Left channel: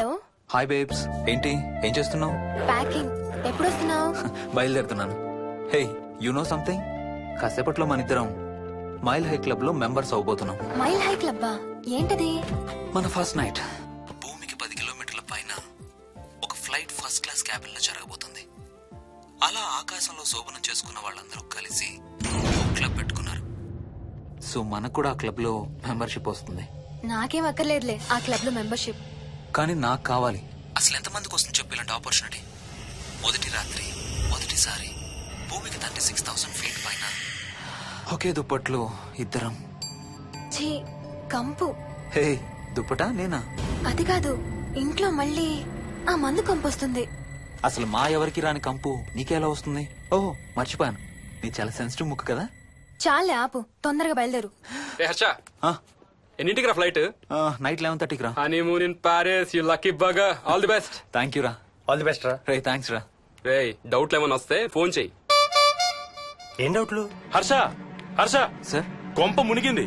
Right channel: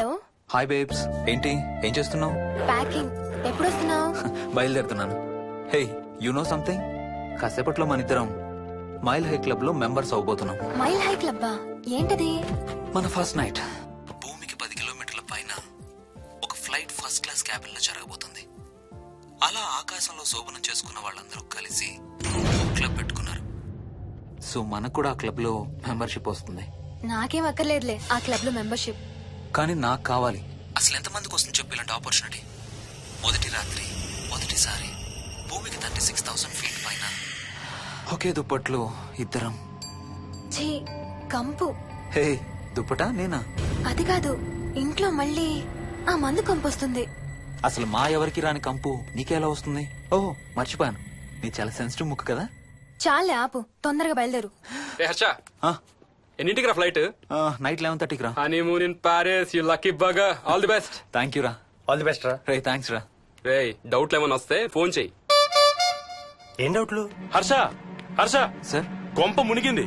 Hello. Hi babes. ఏంటి ఏం చేస్తున్నావు? ప్యాకింగ్. ఎప్పుడు వస్తున్నావు? బయలుదేరుతున్నాను. Hey you know something? కాసేపట్లో మన ఇద్దరం మైల్ హై క్లబ్ లో మెంబర్స్ అవబోతున్నాం. మైల్ హై క్లబ్బా? ఏంటది? మన ఫస్ట్ నైట్ భూమికి 10 కిలోమీటర్ల పైన ఒక ఫ్లైట్ ఫస్ట్ క్లాస్ క్యాబిన్ లో జరగబోతుంది. అలా ఆకాశంలో శోభనం చేసుకున్న వాళ్ళందరూ కలిసి ఒక క్లబ్ పెట్టుకున్నారు. సో మనకు కూడా ఆ క్లబ్ లో మెంబర్షిప్ వస్తుంది. నాకేం అక్కర్లేదులే ఆ క్లబ్ లో మెంబర్షిప్. కానీ నాకు కావాలి. అసలు ఎంతమందికి వస్తుంది చెప్పు ఇలాంటి ఆపర్చునిటీ? మొదటి రాత్రి మొదటిసారి భూమికి 36,000 ఫీట్ పైన ఒకే దుప్పట్లో ఇద్దరం. ఛీ, కంపు. హే దుప్పటా నేనా? అది కాదు, ఇంట్లో మళ్ళీ ఆ మందు కంపు వస్తుంది. అసలు మా ఎవరికి రాని కంపు నీకెలా వస్తుంది? ఓహో మర్చిపోయాను, నీ చాలా సెన్సిటివ్ ముక్కు కదా. చాలే ఆపు, తొందరగా బయలుదేరు. హర్ష, ఆ, ఎన్నింటికి రా ఫ్లైట్? నైట్ 11:30కి రా. Honeymoon in Paris, you lucky bugger. All the best. Thank you రా. ఆల్ ది బెస్ట్ రా. రే థ్యాంక్స్ రా. రే డౌట్లు ఏమైనా వస్తే ఫోన్ చెయ్యి. ఏం డౌట్లు? హర్ష హర్ష, సార్ కొంప మునిగింది.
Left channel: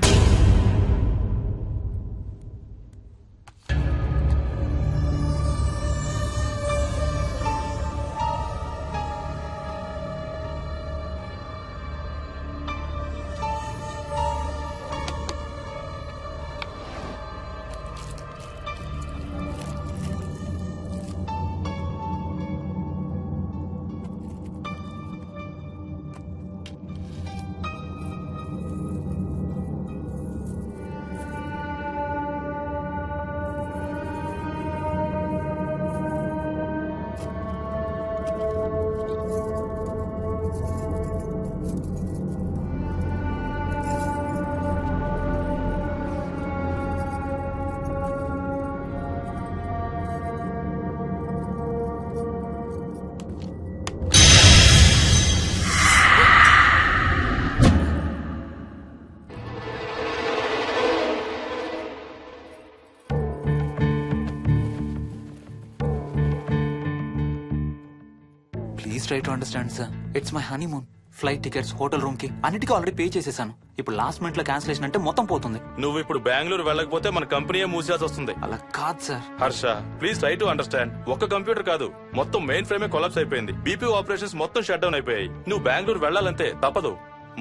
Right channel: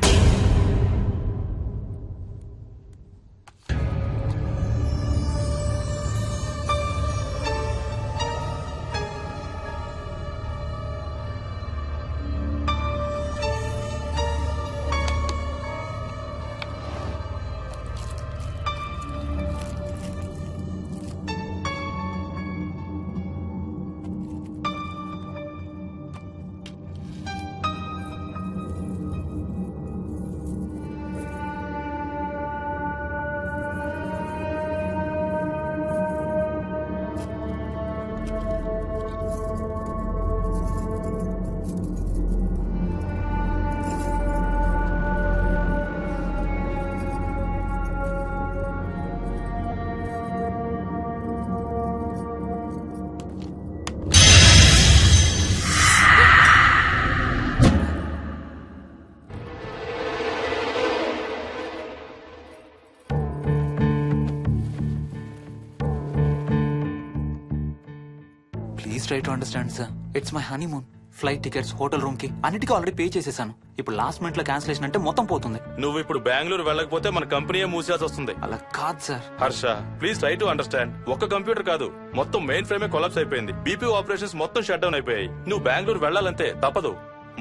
Please try to understand sir. It's my honeymoon. Flight tickets, hotel room కి అన్నిటికీ ఆల్రెడీ పే చేసేసాను. ఇప్పుడు లాస్ట్ మినిట్ లో క్యాన్సిలేషన్ అంటే మొత్తం పోతుంది. నువ్వు ఇప్పుడు బెంగళూరు వెళ్ళకపోతే మన కంపెనీయే మూసేయాల్సి వస్తుంది. అలా కాదు sir. Harsha please try to understand. ఒక్క కంప్యూటర్ కాదు, మొత్తం మెయిన్ ఫ్రేమే కొలాప్స్ అయిపోయింది. బీపీ ఆపరేషన్స్ మొత్తం షట్ డౌన్ అయిపోయాయి. నువ్వు బెంగళూరు వెళ్ళాలంతే, తప్పదు.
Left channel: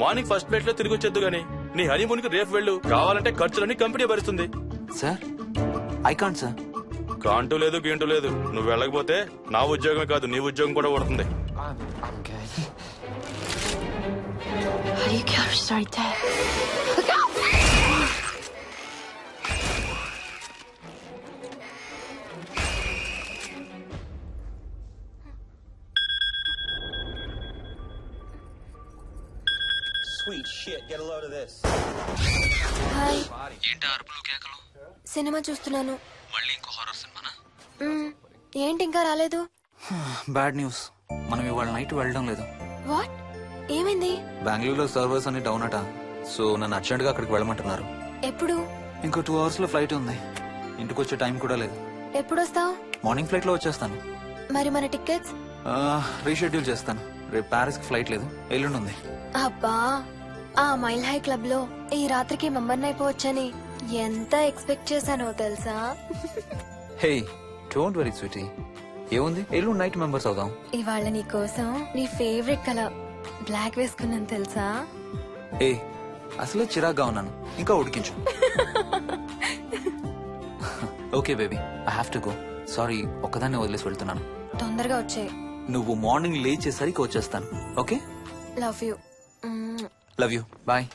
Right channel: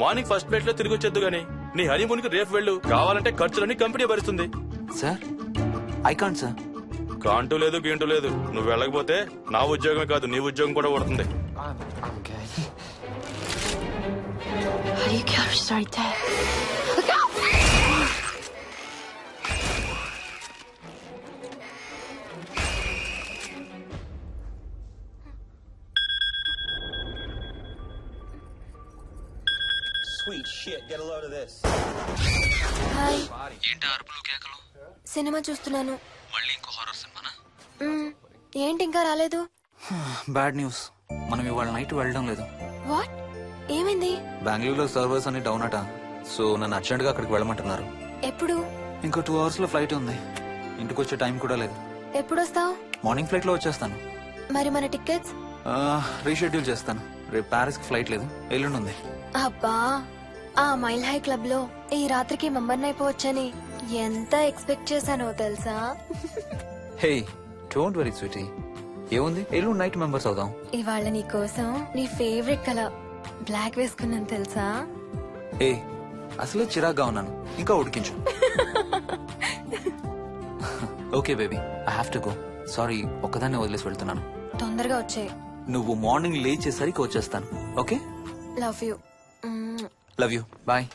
మార్నింగ్ ఫస్ట్ ఫ్లైట్ లో తిరిగి వచ్చేద్దు గానీ నీ హనీమూన్ కి రేపు వెళ్ళు. కావాలంటే ఖర్చులన్నీ కంపెనీ భరిస్తుంది. Sir I can't sir. Can't లేదు గీంటూ లేదు. నువ్వు వెళ్ళకపోతే నా ఉద్యోగమే కాదు నీ ఉద్యోగం కూడా పడుతుంది. హాయ్. ఏంటి అరుపులు కేకలు? సినిమా చూస్తున్నాను. మళ్ళీ ఇంకో హారర్ సినిమానా? ఏంటి ఇంకా రాలేదు? బ్యాడ్ న్యూస్, మనం ఇవాళ నైట్ వెళ్ళడం లేదు. వాట్? ఏమైంది? బెంగళూరులో సర్వర్స్ అన్ని డౌన్ అట. సో నన్ను అర్జెంట్ గా అక్కడికి వెళ్ళమంటున్నారు. ఎప్పుడు? ఇంకో 2 hours లో ఫ్లైట్ ఉంది. ఇంటికి వచ్చే టైం కూడా లేదు. ఎప్పుడు వస్తావు? మార్నింగ్ ఫ్లైట్ లో వచ్చేస్తాను. మరి మన టికెట్స్? రీషెడ్యూల్ చేస్తాను. రేపు ప్యారిస్ కి ఫ్లైట్ లేదు, ఎల్లుండి ఉంది. అబ్బా, ఆ మైల్ హై క్లబ్ లో ఈ రాత్రికి మెంబర్ అయిపోవచ్చని ఎంత ఎక్స్పెక్ట్ చేశానో తెలుసా? హే డోంట్ వరీ స్వీటీ, ఏముంది, ఎల్లుండి నైట్ మెంబర్స్ అవుదాం. ఇవాళ నీ కోసం నీ ఫేవరెట్ కలర్ బ్లాక్ వేసుకున్నాను తెలుసా? ఏ అసలే చిరాగ్గా ఉన్నాను, ఇంకా ఉడికించు. Okay baby, I have to go. Sorry, ఒక్కదాన్ని వదిలేసి వెళ్తున్నాను. తొందరగా వచ్చే. నువ్వు మార్నింగ్ లేచేసరికి వచ్చేస్తాను. Okay? Love you. Love you, bye.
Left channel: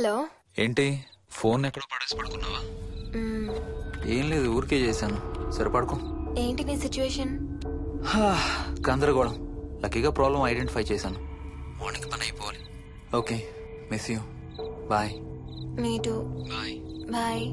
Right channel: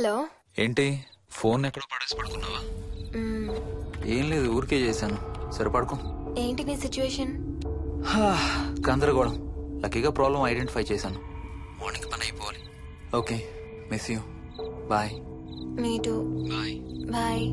Hello. ఏంటి ఫోన్ ఎక్కడ పడేసి పడుకున్నావా? మ్మ్. ఏం లేదు, ఊరికే చేశాను. సరే పడుకో. ఏంటి నీ సిచ్యువేషన్? గందరగోళం. లక్కీగా ప్రాబ్లం ఐడెంటిఫై చేశాను. మార్నింగ్ పని అయిపోవాలి. Okay, miss you. Bye. Me too. Bye. Bye.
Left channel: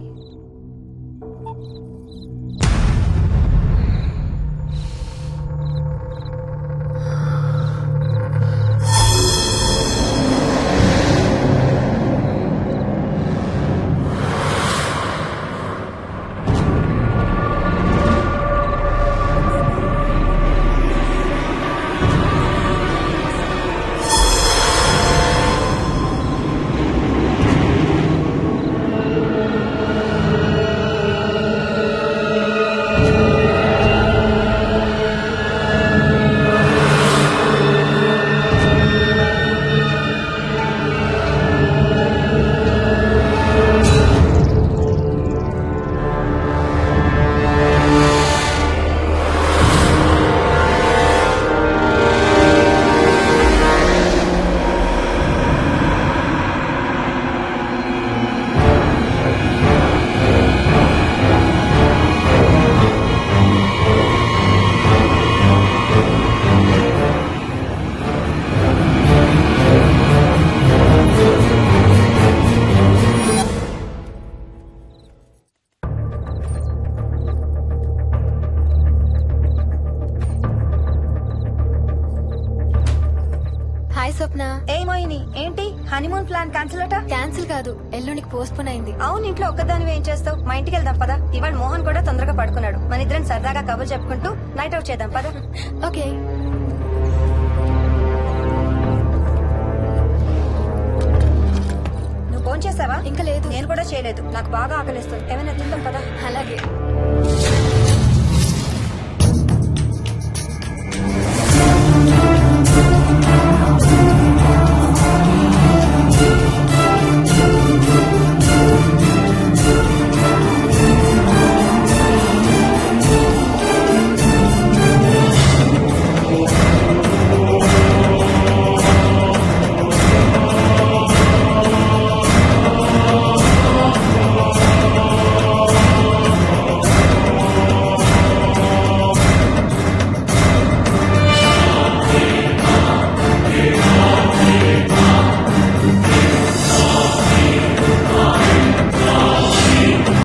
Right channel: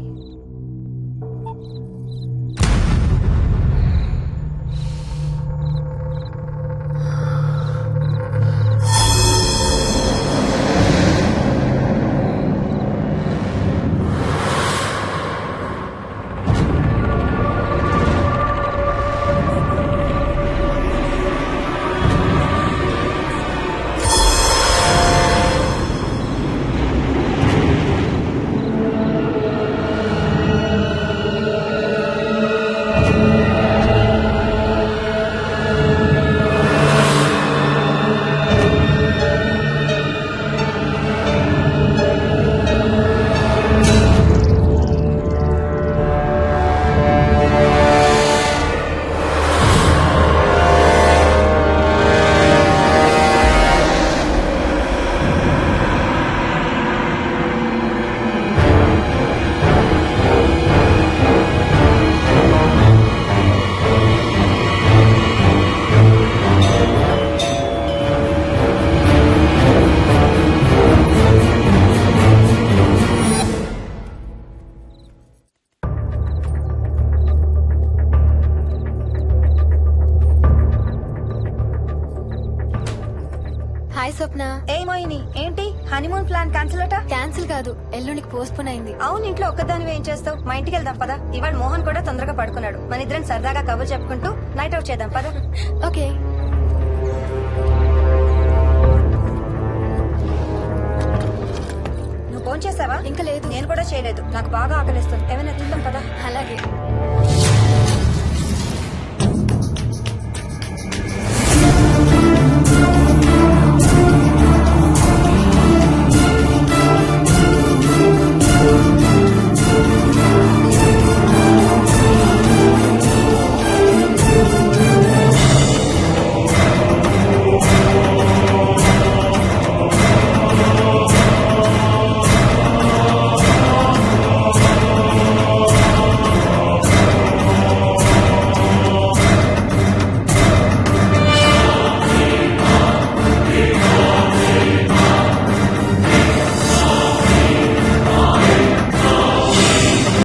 Hi Swapna. ఏమోయిని ఏంటి హనీమూన్ ప్లాన్ క్యాన్సిల్ అట? క్యాన్సిల్ కాదు, ఎల్లుండికి పోస్ట్పోన్ అయింది. అవును, ఇంట్లో ఒక్కదానివి ఏం చేస్తావు? మా ఇంటికి వెళ్దాం పదా. ఇవాళ మోహన్ కూడా తొందరగా పడుకున్నాడు. మన ఇద్దరం సరదాగా కబుర్లు చెప్పుకుంటూ నైట్ అవుట్ చేద్దాం పదా. ఓకే. నువ్వు ఫోన్ చేసావా? ఇంకా లేదు. నేను కూడా చేయలేదు. నాకు బాగా ఆకలిస్తుంది. ఏమైనా తిందాం పదా. అలాగే.